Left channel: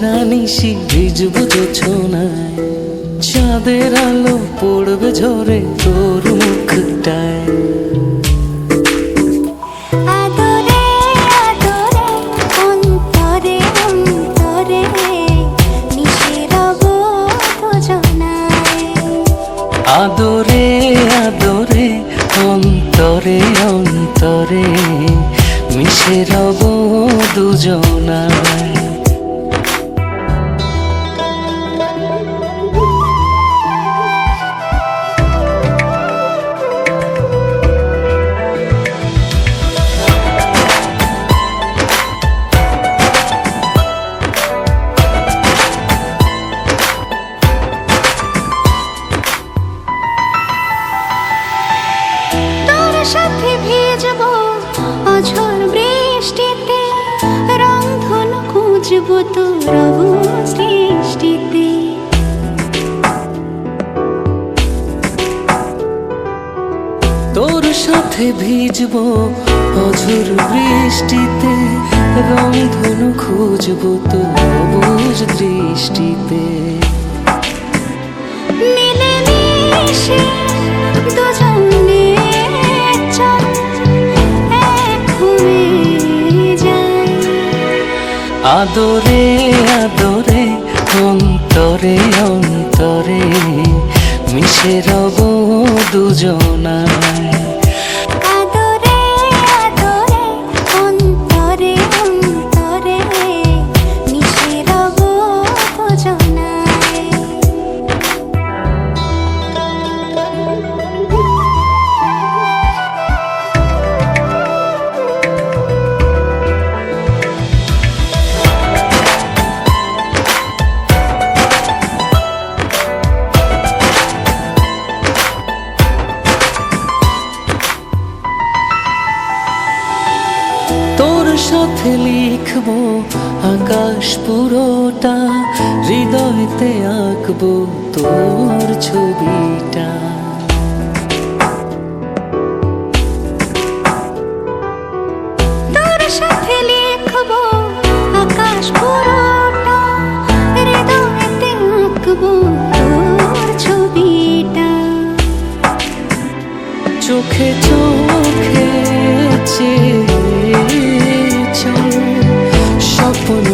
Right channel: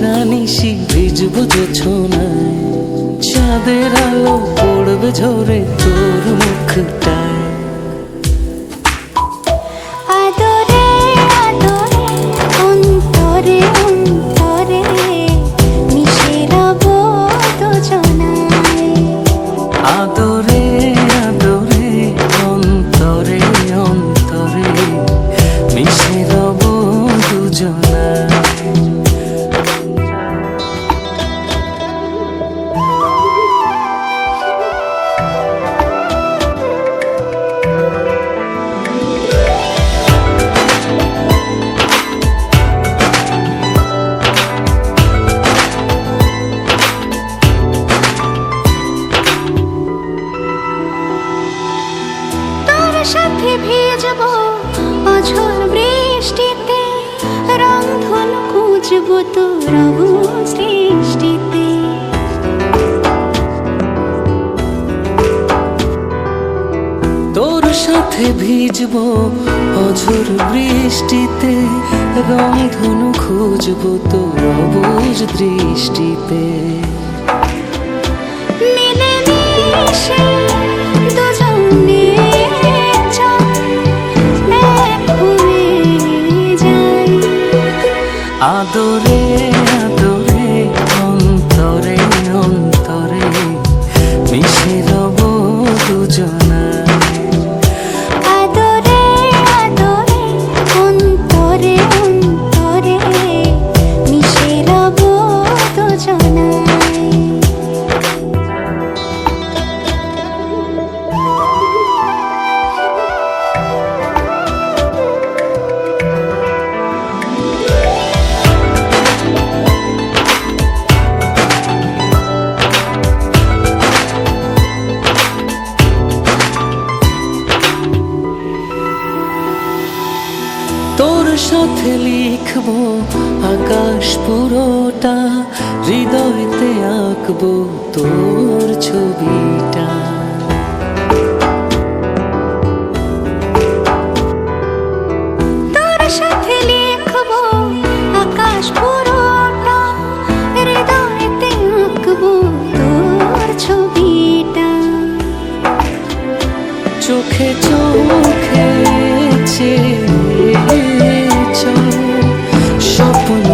সারা নিশি ভিজবো জোছনায়, চাঁদের আলো পড়বে ঝরে তোর মুখটায়। সাথে ভিজবো অঝোর বৃষ্টিতে, রংধনু খুঁজবো তোর সৃষ্টিতে। তোর সাথে ভিজবো অঝোর বৃষ্টিতে, রংধনু খুঁজবো তোর অবুঝ দৃষ্টিতে। মিলে মিশে দুজনে আদরে আদরে অন্তরে অন্তরে মিশে রব দুজনায়। আদরে আদরে অন্তরে অন্তরে মিশে রব দুজনায়। তোর সাথে লিখবো আকাশ পুরোটা, হৃদয়তে আঁকবো তোর ছবিটা। তোর সাথে লিখবো আকাশ পুরোটা, হৃদয়তে আঁকবো তোর ছবিটা। চোখে চোখে চেয়ে চল স্বপ্ন